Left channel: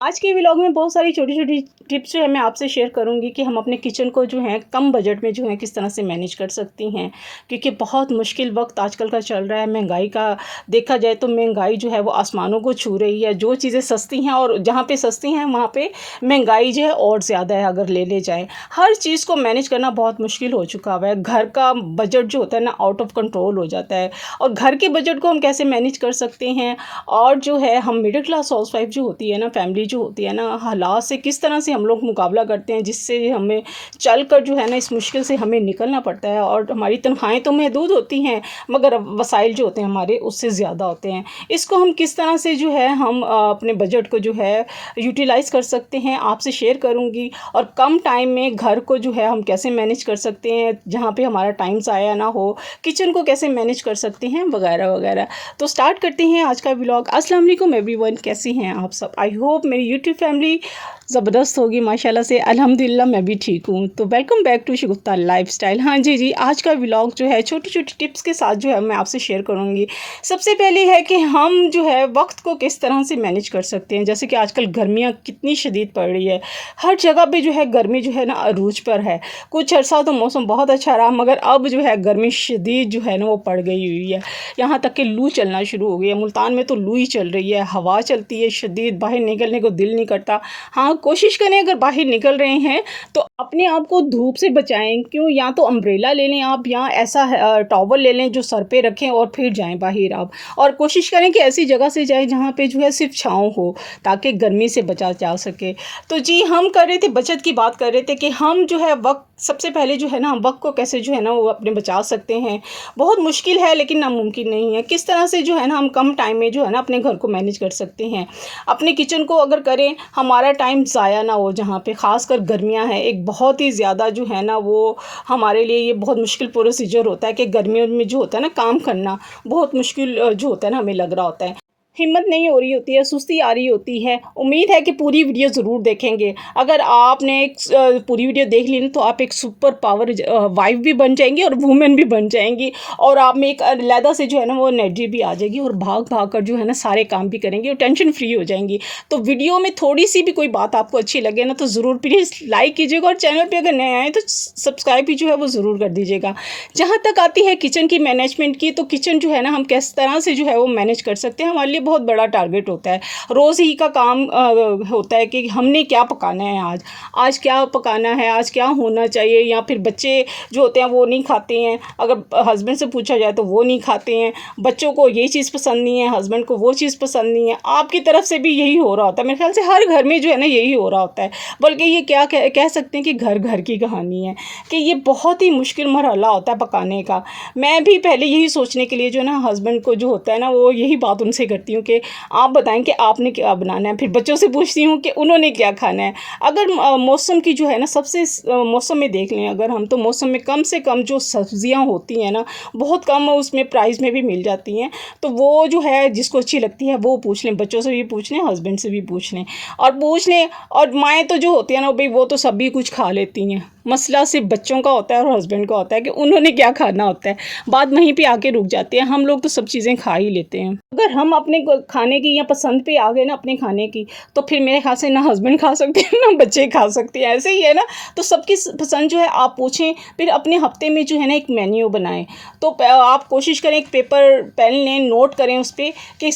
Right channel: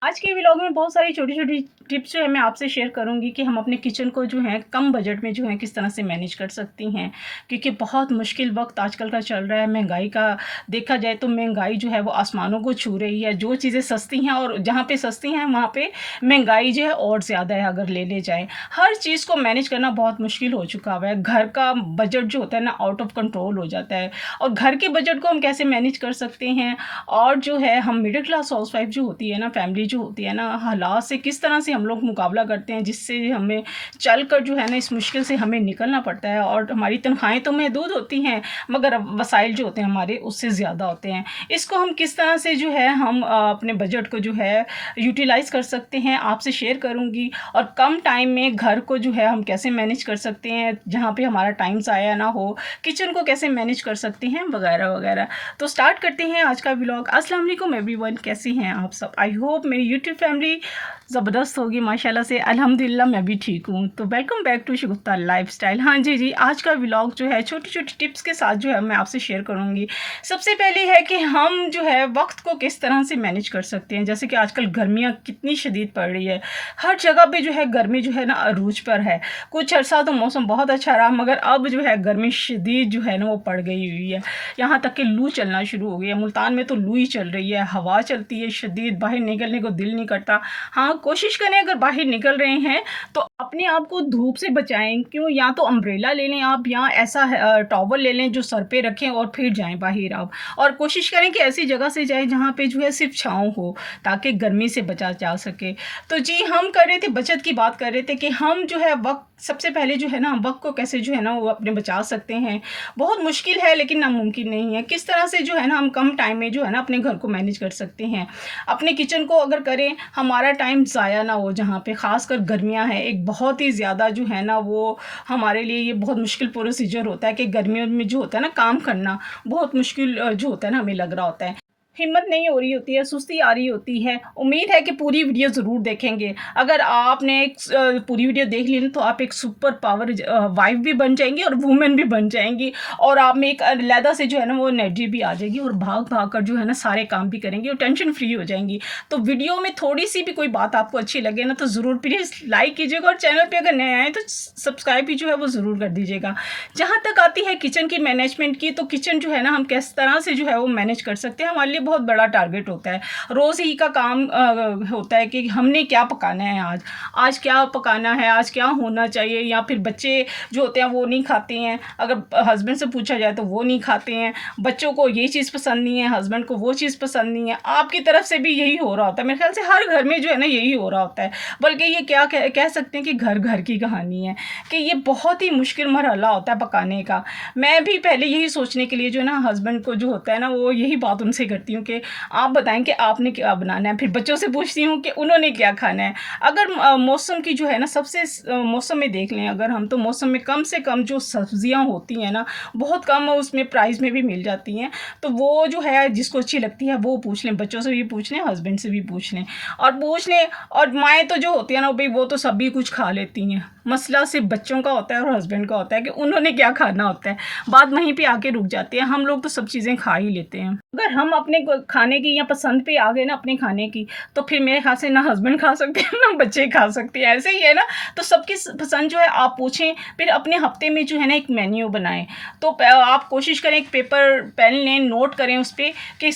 आज के व्लॉग में बहुत सारी छोटी-छोटी टिप्स जो है मैं आपसे शेयर करूँगी कि हम अपने किचन को जो है कम बजट में जो है किस तरह से मैनेज कर सकती हैं। क्योंकि बहुत मुश्किल वक़्त आजकल का चल रहा है, महँगाई का देखा जाए तो महँगाई जो है वो आसमानों को छू रही है। जो चीज़ें सस्ती हैं और जहाँ पे सस्ती हैं वहाँ पे महँगाई जो है और ज़्यादा है अगर ले जाएँ। हर चीज़ को मैनेज करना बहुत मुश्किल हो चुका हुआ है। घर का बजट जो होता है ना आउट ऑफ कंट्रोल हो जाता है और घर के बजट को हम कैसे मैनेज कर सकते हैं और जो है हम मिडिल क्लास हाउसवाइफ़ जो होती है ना, फैमिली जो होती है ना, हालात से किस तरह से हम लोग मुकाबला करते हैं जिससे हमें चल कर जो है ना इस मुश्किल से हमें निकलना पड़ता है और हमारी तनख्वाहें तो महदूद होती हैं मगर वसाइल जो होते हैं हमारे उससे ज़्यादा होते हैं। इसको हम किस तरह से जो है हम अपने बजट को जो है यूटिलाइज़ कर सकते हैं आपसे शेयर करूँगी और कम टाइम में घर को जो है हम कैसे मैनेज कर सकते हैं जहाँ पे हमारा टाइम ज़ाया ना हो, किचन को कैसे मैनेज कर सकते हैं वगैरह वगैरह। तो स्टार्ट करते हैं आज का व्लॉग। अस्सलाम वालेकुम एवरीवन, कैसी हैं आप सब? आई होप मेरी यूट्यूब फैमिली ज़बरदस्त होगी माशाल्लाह से। अल्हम्दुलिल्लाह मैं भी ठीक हूँ। तो welcome back to Shagufta lifestyle. हाँ जी, आज का व्लॉग जो है छोटी-छोटी टिप्स के साथ जो है मैं आपसे शेयर करूँगी। सबसे पहले है कि हम जो है वक्त को किस तरह से मैनेज कर सकते हैं। जैसे कि आजकल गर्मियाँ कितनी शदीद पड़ रही है, हर जगह पे जो है गर्मी जो है ना अरूज पर है। कुछ अर्सा तो मौसम बहुत अच्छा रहा मगर अब जो है गर्मी शदीद जो है ना वो पड़ गई हुई है। यहाँ तक कि लू चलना शुरू हो गई है। मुल्तान में तो लू ही चल रही है, हवा चलती है शदीद, बाहर निकलने को दिल नहीं करता। हाँ, कोशिश करें अगर बाहर निकल रहे हैं तो अपने आप को धूप से बचाएं। क्यों, या तो अम्ब्रेला ले लें आप या ऐसा टॉवल ले लें जो सर पे रखें और फिर जाएं बाहर आप। और कोशिश करें कि ऐसी जगह से जाएं जहाँ पे जो है सिर्फ छाँव हो ताकि गर्मी से बचा जा सके। तो जी हम कर रहे थे, बचत की बात कर रहे थे कि हम जो है वक्त सबसे पहले जो है ना वक्त को कैसे जो है ना वो अपने बचा सकते हैं। बहुत मुश्किल है लेकिन नामुमकिन नहीं है। किस तरह से जो है ना हम कम टाइम में जो है ना अपने घर को मैनेज कर सकते हैं। अपने किचन को अगर करें हमारा टाइम ज़ाया ना हो, जहाँ पे ख़ासकर गर्मियां हैं एक बहुत ही ज़्यादा जो है ना वो हमारे लिए ये बहुत मुश्किल प्रोसीजर होता है कि गर्मियों में जो होता है ना काम करना बहुत मुश्किल जो होता है ना हमें लग रहा होता है। हिम्मत नहीं हो रही होती है, सुस्ती आ रही होती है। उम्मीद है कि पूरी वीडियो ज़रूर देखेंगे। अगर आपने पूरी वीडियो देख ली ना तो आप एक सुपर पावर वाइफ भी बन जाएंगी और वुमेन भी बन जाएंगी और आप में एक अलहदा से जो है ना वो एनर्जी भी आ जाएगी और भाग कर जो है ना सारे काम भी करेंगी और टेंशन फ्री हो जाएंगी। तो वीडियो में थोड़ी सी भी कोई बात आपको अच्छी लगे ना तो ज़रूर प्लीज़ लाइक कीजिएगा और चैनल पर अगर नए आए तो सब्सक्राइब भी जो है वो ज़रूर कर दीजिएगा। जहाँ तक आती है किचन की मैनेजमेंट की, तो किचन जो है ना हम किस तरह से जो है वो मैनेज कर सकते हैं हमारे लिए बहुत बड़ा टारगेट होता है। रोज़ ही का काम होता है कि हमने क्या पकाना है आज क्या पकाना है, आज क्या होना चाहिए। या फिर बच्चे जो होते हैं वो नहीं खाते हैं, अगर हस्बैंड से पूछा जाए तो वो नहीं खाते हैं। बच्चों को ये चीज़ पसंद नहीं है, हस्बैंड को वो चीज़ पसंद नहीं है। आपकी तरफ से भी यही हो रहा होता है, मेरे ख्याल से हर घर में जो है ना यही हो रहा होता है। बल्कि ये क्या कह सकते हैं कि घर घर की कहानी है कि ये बहुत ही मुश्किल मरहला होता है पकाने का। मैं भी पहले यही सोचने के लिए जो है ना हस्बैंड को जो होता है ना वो यही बात उनसे करती हूँ कि आप बताएं कि आपने क्या बनाना है। फिर बच्चों से पूछती हूँ कि उन्होंने क्या खाना है। अगर मौसम की जो है ना सबसे मौसम में देख लें अगर हम, तो मौसम में कम से कम जो सब्जियाँ होती हैं ना बहुत कम उसमें प्राइस में भी मिल जाती हैं। तो वो जो है जिसको अच्छी लगती है वो पूछ लें, बच्चों से भी पूछ लें, हस्बैंड से भी पूछ लें और पूछ लें। और माएँ तो जो होती है ना भाई वो तो सभी कुछ खा लेती हैं। मसला सिर्फ बच्चों का होता है और हस्बैंड का होता है कि उन्होंने क्या खाना होता है। बात वहीं पे आके रुक जाती है। हम लोग तो सब चीज़ें खा ही लेते हैं। अगर हम अपने खाने की या पसंद पे आ गए ना अपने खाने की, तो फिर मेरे ख्याल से ना हस्बैंड खा सकते हैं ना बच्चे खा सकते हैं। ऐसे ही है ना। तो सबकी पसंद जो है आप पूछें, फिर अपने हफ्ते में जो है ना एक मेन्यू बनाएं। तो आप कोशिश करें एक पेपर पेन लें, नोट करें उस पर कि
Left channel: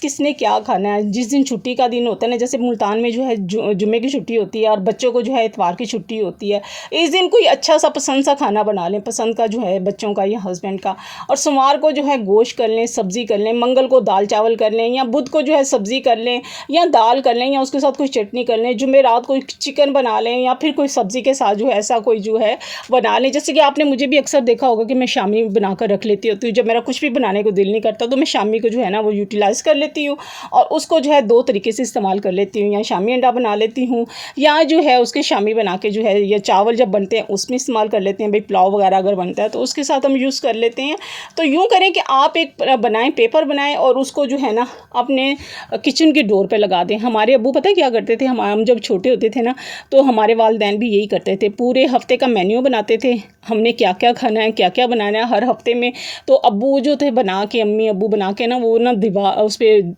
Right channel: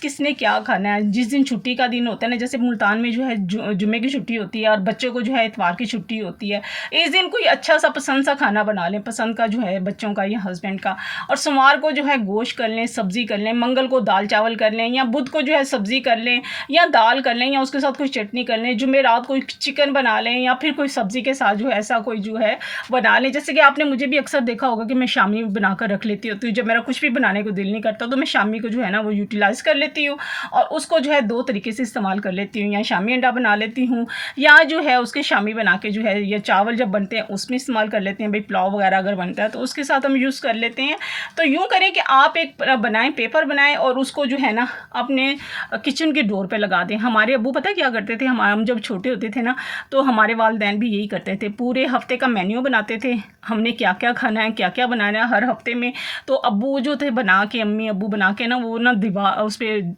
किसने क्या खाना है। जिस दिन छुट्टी का दिन होता है ना, जैसे मुल्तान में जो है जुम्मे की छुट्टी होती है और बच्चों को जो है इतवार की छुट्टी होती है। इस दिन कोई अच्छा सा पसंद सा खाना बना लें, पसंद का जो है बच्चों का या हस्बैंड का। और सोमवार को जो है गोश्त कर लें, सब्ज़ी कर लें, मंगल को दाल चावल कर लें या बुध को जो है सब्ज़ी कर लें या दाल कर लें या उसके साथ कोई चटनी कर लें। जुमेरात को चिकन बना लें या फिर कोई सब्ज़ी के साथ जो है ऐसा कोई जो है बना लें। जैसे कि आपने मुझे भी अक्सर देखा होगा कि मैं शामी बना कर रख लेती होती हूँ। जब मेरा कुछ भी बनाने को दिल नहीं करता तो मैं शामी को जो है ना वो यूटिलाइज़ कर लेती हूँ और उसको जो है दो तरीके से इस्तेमाल कर लेती हूँ। या शामी अंडा बना लेती हूँ या जो है उसके शामी बना के जो है या चावल जब बनते हैं उसमें इस्तेमाल कर लेते हैं, भाई पुलाव वगैरह अगर बनता है तो उसके साथ हम यूज़ कर लेते हैं। तो यूँ करें कि आप एक बनाएं, पेपर बनाएं और उसको जो है ना अपने किचन के डोर पे लगा दें। हमारे अब्बू पता है क्या करते थे, हम जब छोटे होते थे ना तो हमारे वालिदैन भी यही करते थे, पूरे हफ्ते का मेन्यू बनाते थे, हमने क्या क्या खाना है, क्या क्या बनाना है हर हफ्ते में। तो अब्बू जो थे बना के, अम्मी अब्बू बना के ना वो ना दीवार उस पर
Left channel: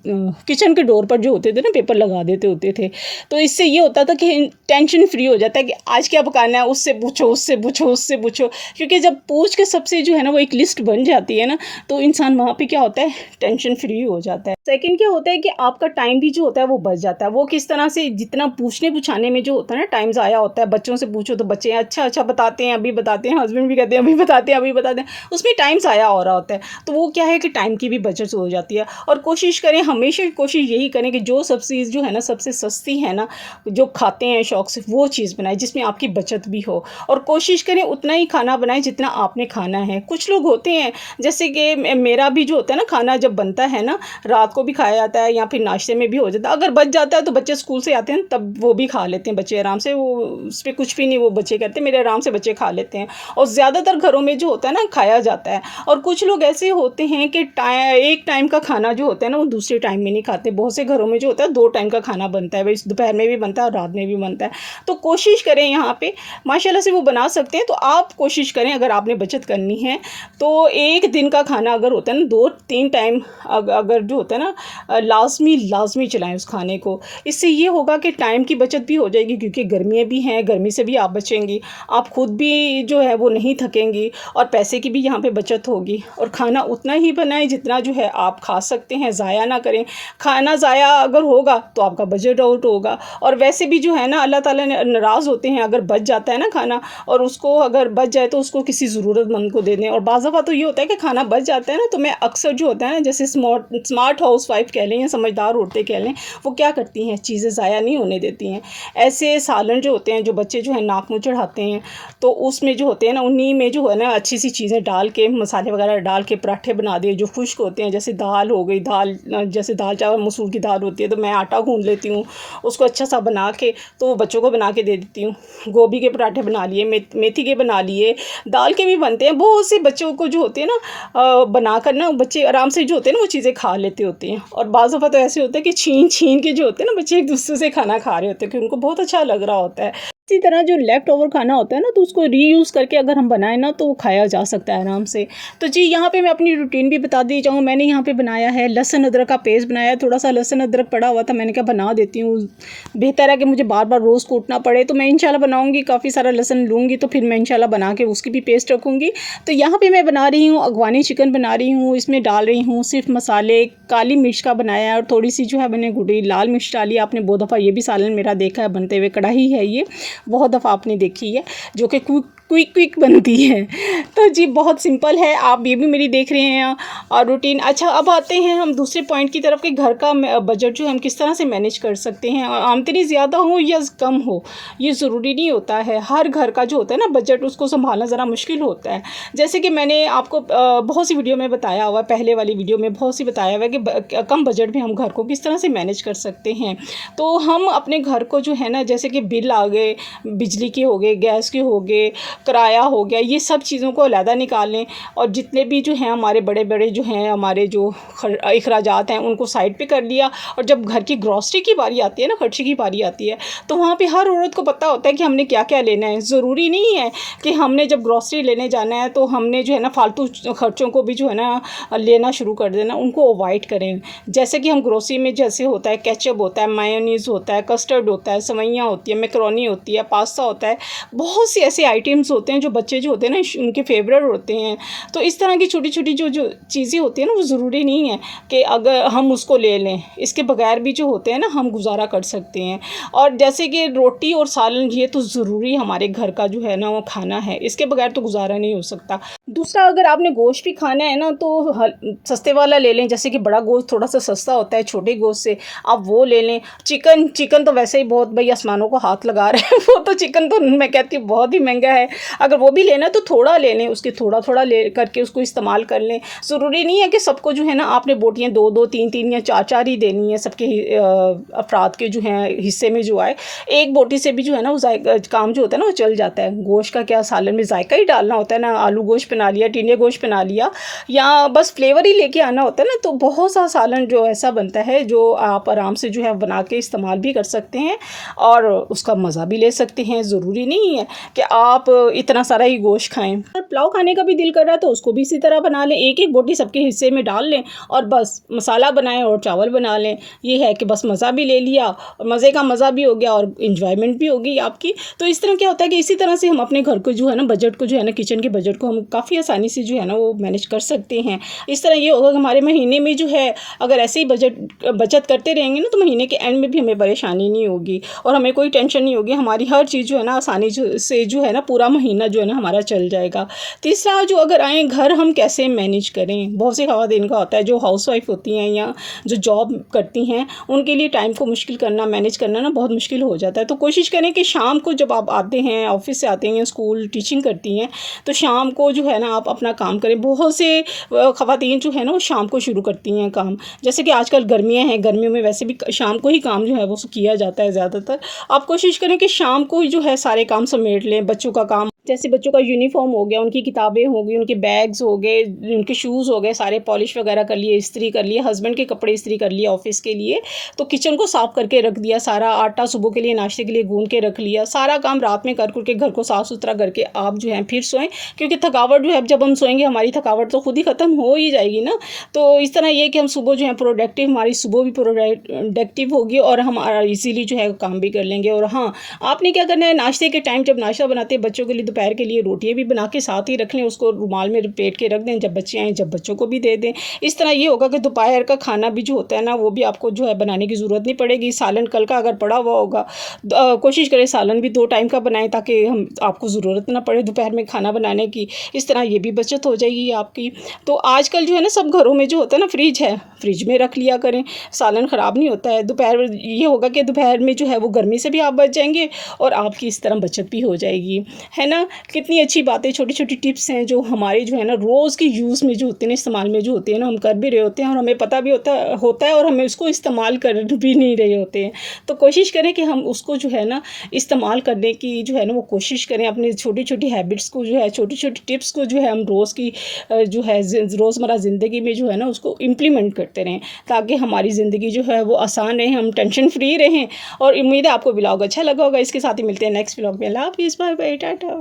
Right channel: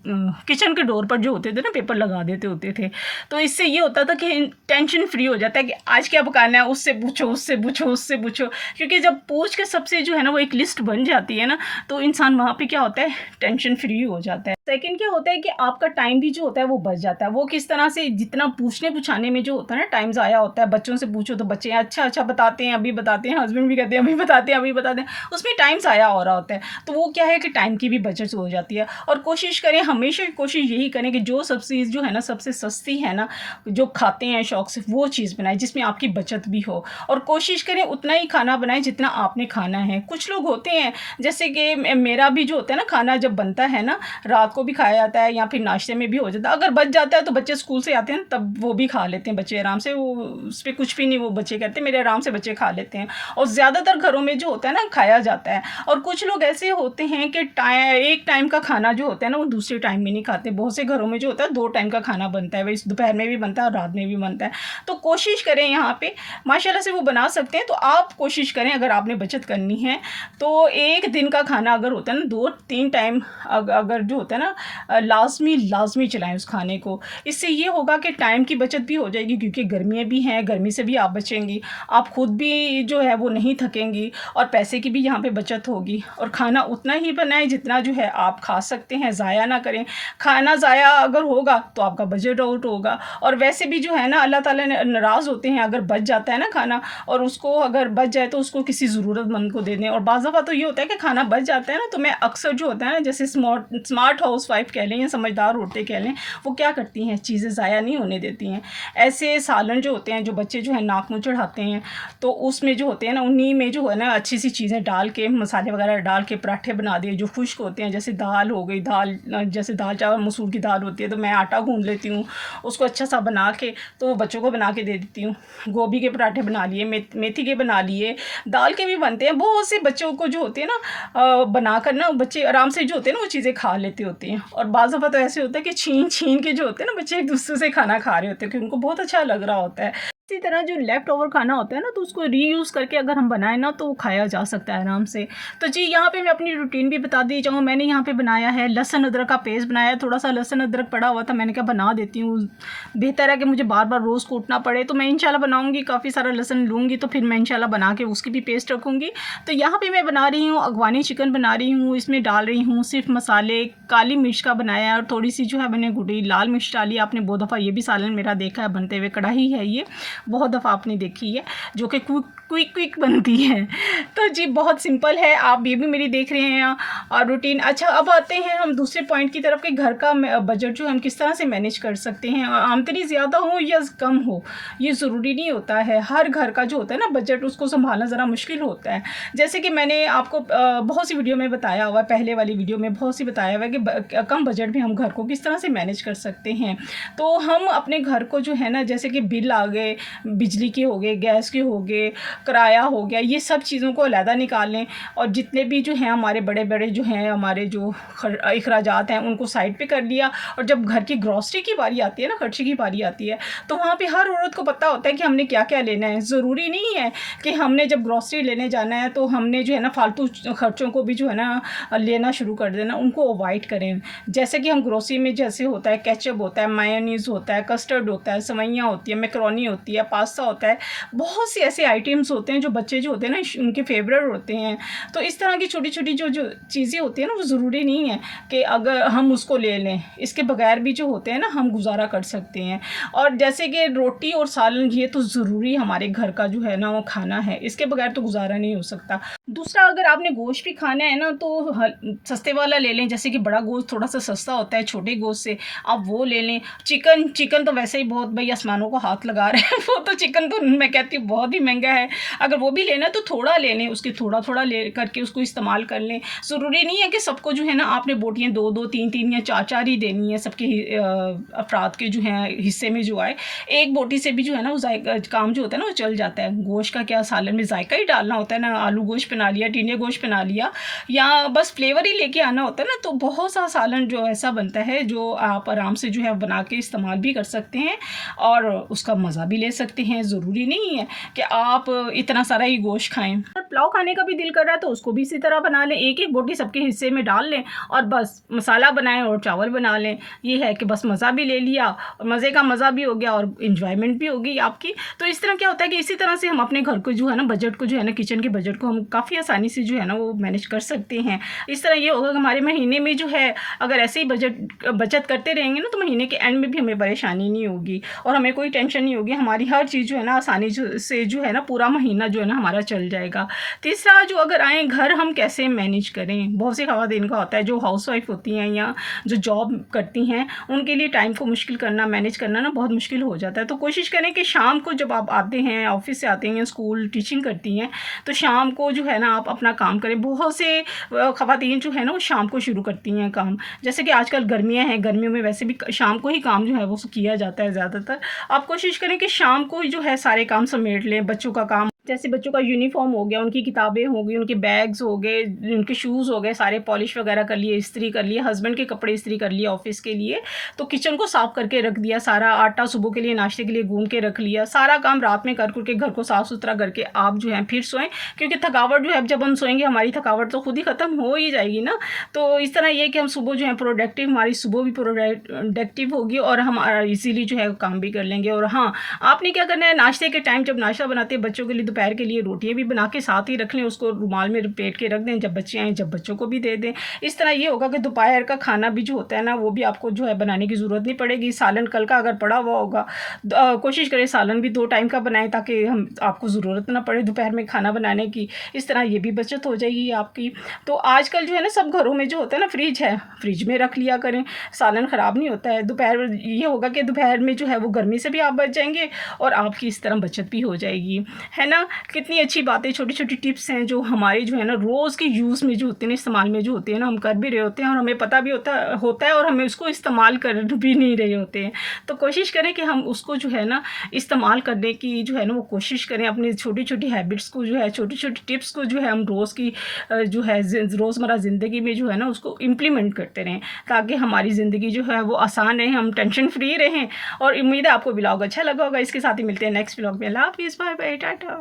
किचन के डोर पर जो होते थे ना पेपर लगा देते होते थे। तो इससे ये होता था कि टेंशन फ्री हो जाता है कि आज क्या पकाना है, उससे पूछो उससे पूछो उससे पूछो, क्योंकि जब पूछ के सबसे जो है ना वो एक लिस्ट बन जाती है ना तो इंसान वहाँ पे क्या होता है, टेंशन फ्री हो जाता है। सेकंड क्या होता है कि आपका टाइम भी जो होता है वो बच जाता है। वो किस तरह से, जितना पूछने पूछाने में जो होता है ना टाइम ज़ाया होता है, बच्चों से पूछो तो बच्चे अच्छा अच्छा बताते हैं, अभी बताते हैं, हस्बैंड भी कहते हैं अभी बताते हैं अभी बताते हैं, उसमें टाइम ज़ाया हो रहा होता है। तो वो क्या है कि टाइम की भी बचत हो जाती है। और कोशिश करें, हमेशा कोशिश यही करें कि जो सब चीज़ जो है ना सबसे सस्ती है ना, जो खाते हैं शौक से, वो चीज़ बनाएं जिसमें आपकी बचत भी हो। और कोशिश करें उतना ही खाना बनाएं जितना आपने खाना है। कुछ लोग होते हैं जैसे कि मेरा भी जो होता है ना खाना जब बनता है ना, रात को भी खाया जाता है या फिर नाश्ते में भी हो जाता है। अगर बच जाता है तो बच्चे स्कूल से आते हैं तब वो भी खा लेते हैं बच्चे आराम से, वो उस पर कुछ भी नहीं, वो बच्चे कहते हैं मेरे आराम से बच्चे खा लेते हैं। और ज़्यादातर घरों में जो होता है ना खाया जाता है। और कुछ लोग ऐसे होते हैं कि एक टाइम का खाना जो होता है ना वो दूसरे टाइम में नहीं खाते। बहुत से घरों में जो होता है 2 टाइम का खाना बनता है, भाई दोपहर में भी बनता है और रात में भी बनता है। तो कोशिश करें यहाँ पे माशाल्लाह से वो बना सकते हैं। तो आप कोशिश करें अगर आपने बचत करनी है तो एक दिन का खाना अगर होता है ना 2-3 टाइम अगर जो होता है ना लाजमी चलाएं उस खाने को। इससे ये होगा कि टाइम की बचत भी हो जाएगी, क्योंकि गर्मियाँ भी हैं, गर्मी से भी आप बचेंगी, आप खुद भी जो है वो नहीं थकेंगी और पैसे की भी यहाँ पे बचत होगी। और खाना उतना ही बनाएं जितना जो है आप खा सकते हैं, ज़ाया ना करें। खाना ज़ाया अगर होगा तो आपका बजट आउट होगा। और वैसे भी जो है ना अल्लाह ताला ने नाराज़ होते हैं अगर बच जाता है ना खाना, और उसको अगर बच जाए तो उसको किसी ज़रूरतमंद को दे दें। और बाज़ दफ़ा तो ये होता है कि खाना बच जाता है ना, तो मैं अक्सर जो होता है ना जैसे स्मार्ट हाउस वाइफ कह लें या समझदार औरतें कह लें, वो क्या करती हैं, चीज़ें ज़ाया नहीं होने देती हैं। ऐसे सालन जो होते हैं जो बच्चे जो है नाक मुँह चढ़ाते हैं, तो उसमें जो होते हैं ना उन्हीं में जो है ना अच्छी सी चीज़ें डाल के, मसाले वगैरह डाल के पराठे बना दिए जो खुश्क होते हैं। जैसे दाल हो गई, दाल जैसे दाल चावल मसूर की दाल होती है तो मैं आटा गूँध लेती हूँ, उसको अच्छा सा बना के तो वो बच्चों को बना के दे देती हूँ। गोभी के पराठे बना लिए, मेथी के बना लिए, दाल के भी बनते हैं। बहुत से बच्चों को जो होते हैं ना बनाकर ना बच्चे आराम से जो होते हैं ना वो चीज़ें खा लेते होते हैं। और बाज़ दफ़ा तो ऐसे होता है कि छीन छीन के जो होते हैं ना बच्चे एक दूसरे से खाना खा रहे होते हैं, क्योंकि उनको बहुत अच्छा लग रहा होता है। इसी तरह जो लेफ़्ट ओवर खाना होता है ना तो उसको रीयूज़ करके अगर हम बनाएं ना तो वो खाया जा सकता है आराम से। तो जी यहाँ पे मैं अपनी रूटीन भी बता दी जाऊँ। मैंने यहाँ पे बनाया है लहसुन अदरक का पेस्ट बनाया है। थोड़ा सा लहसुन अदरक पड़ा हुआ था, मैंने कहा बना देती हूँ, बेहतर है कि मुझे बार बार रोज़ कूटना पड़े। तो मैं इंशाल्लाह बनाऊँगी, काफ़ी सारा लहसुन लूँगी तो फिर मैं इंशाल्लाह बना के उसकी भी पेस्ट रखूँगी। तो यहाँ पर मैं बना रही हूँ अगवानी चिकन बना रही हूँ। इसमें डाल रही हूँ सिर्फ मसाले, काली मिर्च का बनाया है और थोड़ी सी जो है मैंने गुड़ी लाल मिर्च डाली। आपने बहुत दफ़ा ये भी सालन मेरा देखा है बनते हुए, कढ़ाई है ये, बहुत दफ़ा आपने देखी है, जो कि क्विक बनती है। तो जी बहुत सिंपल है, आप ये भी मेरी देख रहे हैं और रूटीन। अच्छा, अब आते हैं हम दूसरे पॉइंट की तरफ कि घर का बजट जो है हम किस तरह से मैनेज कर सकते हैं। और आमदनी ज़्यादा हो या कम हो ये ज़रूरी नहीं होता है। हर घर का जो होता है ना बजट, उसको संभालना ज़रा मुश्किल होता है। जैसे कि मैंने आपको बहुत सी वीडियो में बताया हुआ, पहले वाली वीडियो में बहुत सी बताया हुआ है कि कम बजट में हम घर को किस तरह से मैनेज कर सकते हैं। तो हम अपने घर को जो है ना, जैसे कि बिल आ गए, बिजली के हो गए, गैस के हो गए, किराया हो गया, ये सब चीज़ों को अलहदा निकाल लें। और जितने भी जो हैं हमारे बड़े बड़े जो हैं हमारे जो अखराजात हैं उनको साइड पे कर लिया। और जब घर की ग्रॉसरी की बारी आती है ना, खर्चे की बारी आती है, तो वहाँ पे हर औरत को पता होता है कि हमने क्या क्या लेना है। ज़रूरी नहीं है कि हमने जब ग्रॉसरी लेने जाना है तो हमने जो है ना फालतू खर्चों को भी जो है ना लेना शुरू कर देना, उनको अवॉइड करें। जैसे कि हम ग्रॉसरी में जैसे होता है केचप होता है, मायोनीज़ होता है, कस्टर्ड होता है, सेवइयाँ होती है, मैकरोनी होती है, पास्ता होता है, बहुत सी ऐसे आइटम्स होते हैं जो बच्चे जो होते हैं ना उनके फेवरेट होते हैं। तो इस तरह की छोटी छोटी जो चीज़ें होती हैं ना वो ज़रूरी नहीं है कि अगर हम उसको ले लें, इसके बगैर भी जो होते हैं ना हम गुजारा कर सकते हैं। और जैसे कि रोटी और सालन, ये तो ज़रूरी हमारे घर का जो है ना वो खाना है, इसके बगैर तो गुजारा नहीं हो सकता। दूसरा, अगर आपने गोश्त भी खाना है ना, तो सस्ते वाला ले लें, जैसे कि बड़ा गोश्त थोड़ा सा सस्ता होता है छोटे गोश्त से, आप वो ले लें। चिकन चिकन तो वैसे ही बहुत भाई आसमानों को हाथ लगा रहे हैं वो तो चिकन तो मैं कहती हूँ बहुत ही महंगा है। अगर वो भी लेना तो थोड़ा ले लें, उसके थोड़ा थोड़ा ले करके उसको इस्तेमाल कर लें। ज़रूरी नहीं है कि सबको जो है ना आपने बोटियाँ दो दो तीन तीन या चार चार ही देनी है, सबके अफराद के जो हैं हिस्से में जो आए। एक बोटी से भी जो है ना वो जायका काम जो होता है ना वो चल जाता है। गोश्त का क्या, सालन में जायका ही डालना होता है ना, आलू गोश्त बना लिया, टिंडे गोश्त बना लिया, या बस फ्लेवर ही लेके आना होता है ना, तो बहुत सा सालन जो ऐसा बनता है जो आप आराम से जो है बना के इस्तेमाल भी कर सकते हैं और उसका मज़ा भी ले सकते हैं। ज़रूरी नहीं है कि आप इतना सारा ही गोश्त खाएं। और पुलाव खाने का भी दिल कर रहा है तो उसको भी इसी तरह बना लें, एक एक बोटी सबके हिस्से में डाल लें और बस मसाला बनाएं और चावल बना लें। ये है कि बस मज़ा भी ले लिया और मज़े का मज़ा भी हो गया और इन्जॉयमेंट भी होगी आपकी। तो इस तरह क्या होता है कि इसी तरह से हम अपने घर को जो है ना बजट को जो है ना किचन के बजट को हम काफ़ी आसानी से जो है ना वो मैनेज कर सकते हैं। इस तरह ये होगा कि हमारे महीने में जो है अगर ऐसे ही बचत करते रहेंगे ना तो महीने के एंड में भी हमें परेशानी नहीं होगी और हमें कोई टेंशन नहीं होगी। हमारी हर चीज़ जो है ना आसानी से जो है ना पूरा महीना जो है ना हमारा चल जाएगा। तीसरा, जो अगर आए घर हम कैसे मैनेज करें, बहुत सी ख़वातीन का होता है जो हाउसवाइफ होती हैं या जो जॉब करती हैं, उनके लिए टाइम को मुश्किल करना, मैनेज करना ना बहुत मुश्किल हो जाता है। तो कोशिश करें कि शाम को जब आप आते हैं, ऑफिस से आते हैं, स्कूल टीचिंग करती हैं, तो शाम को जो है ना आप अपना काम करें। बहुत से ख़वातीन जो है ना वो शाम को शुरू करती हैं काम, जैसे कि आजकल गर्मियाँ हैं, गर्मियों में वैसे भी शाम को ही काम जो है वो किया जाता है ज़्यादातर। आप कोशिश करें कि शाम को ही जो है सारे काम समेट लें। बच्चों का काम, जैसे बच्चों का यूनिफॉर्म हो गया, उनकी किताबें हो गई, उनके बैग्स हो गए, उनके शूज़ हो गए, सारे पॉलिश वगैरह कर लिए, इस्त्री कर लिए, हस्बैंड के कपड़े इस्त्री कर लिए ऑफिस के लिए, तो किचन को साफ़ करके रख दिया, सारा आटा सुबह के लिए नाश्ते के लिए गूंद के रख लिया, सारा काम रात में कर के घर को साफ़ सुथरा करके आप जो है फिर सोएं, क्योंकि थकावट जो है जब हम सोएंगे हमारी थकावट तो खुद ही ख़त्म हो ही जाएगी ना। तो इस तरह ये कि हम सुबह जो है प्रोडक्टिव, हमारी सुबह भी प्रोडक्टिव होगी और हम इजीली जो है काम भी कर लेंगे। और हाँ, आपने क्या करना है, नाश्ते के टाइम जब नाश्ता बनाते हैं बच्चों के लिए, दोपहर के लिए रोटियां भी बना के साथ ही रख लें, उसको रुमाल में लपेट के रख दें, जब बच्चे आएँ जब बच्चों को भी दे दें। इस तरह ये होगा कि दोपहर का खाना भी जो होता है ना वो भी आपको जो है बनाने की ज़रूरत नहीं पड़ेगी। सालन कल का अगर पड़ा हुआ होगा, कोशिश करें सालन भी 2 टाइम का बनाएं ताकि हम आपको ज़रूरत ना पड़े दोपहर में खाना बनाने की। इस तरह ये भी बचत हो जाएगी आपकी। तो आजकल जो है ना सब घरों में जो होता है ना फ्रिज है, फ्रिज में रख लिया करें, सालन ख़राब नहीं होता है। दोपहर ये होगा कि दोपहर में जो है वो गर्मी से भी आप बच जाएंगे और आपकी इस तरह बचत भी हो जाएगी, है ना। कितनी अच्छी बातें, छोटी छोटी टिप्स हैं जो हमारी जो है ना रोज़ की यूज़ में जो होते हैं, इस्तेमाल में जो होते हैं ना, हम कर भी रहे होते हैं और हमें पता भी होता है और हमें उसको इस्तेमाल कर भी नहीं रहे होते हैं। तो कोशिश करें कि हम उसको जो है ना इस्तेमाल करने की जो है ना वो कोशिश करें। अपनी छोटी छोटी हैबिट्स को जो है, छोटी छोटी टिप्स को जो है हम रोज़ की जो है रोज़मर्रा ज़िंदगी में जो है ना उसको इम्प्लीमेंट करते रहें ताकि हमारी ज़िंदगी जो है वो आसान रहे, हम टेंशन फ्री रहें। और उम्मीद है आपको व्लॉग अच्छा लगा होगा। इसके साथ ही मिलते हैं नेक्स्ट व्लॉग में। अल्लाह हाफ़िज़, बाय बाय, टाटा।